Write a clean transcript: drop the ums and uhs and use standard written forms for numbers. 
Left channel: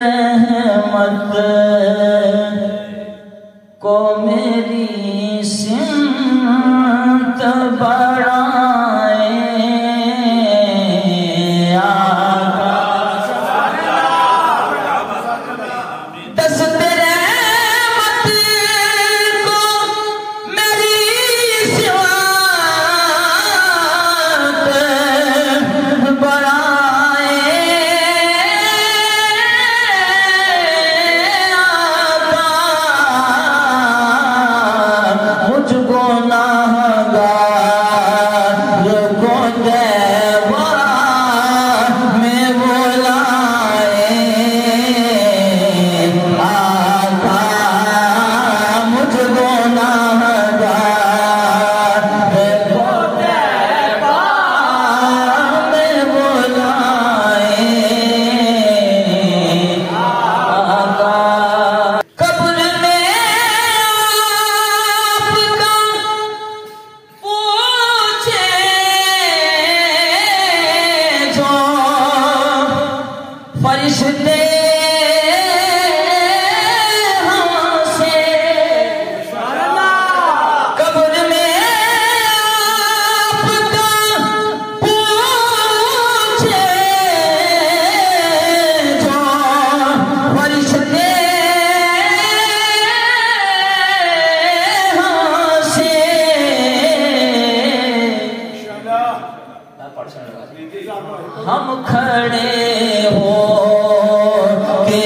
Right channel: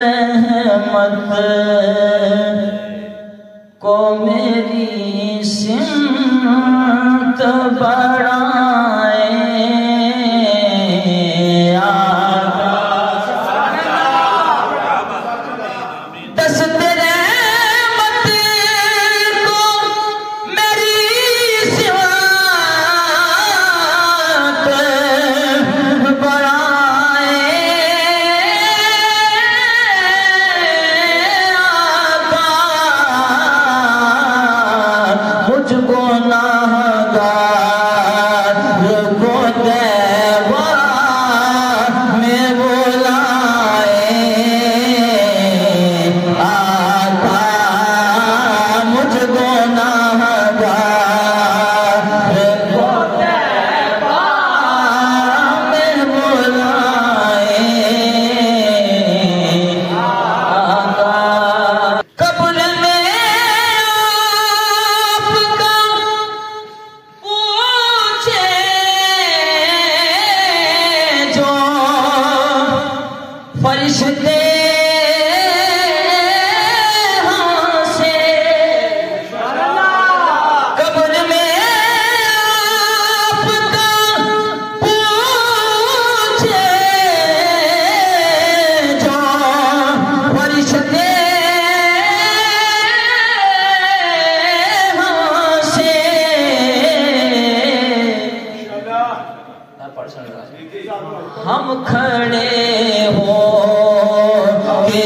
रहमत को मेरी सिमत बढ़ाए दस्त रहमत को मेरी सिमत मुझको नाहगार को देवा में बुलाए आका मुझको नाहगार को देवा में बुलाए कब्र फरिश्ते हमसे कब्र में आपका पूछे जो फरिश्ते हमसे हम खड़े हो के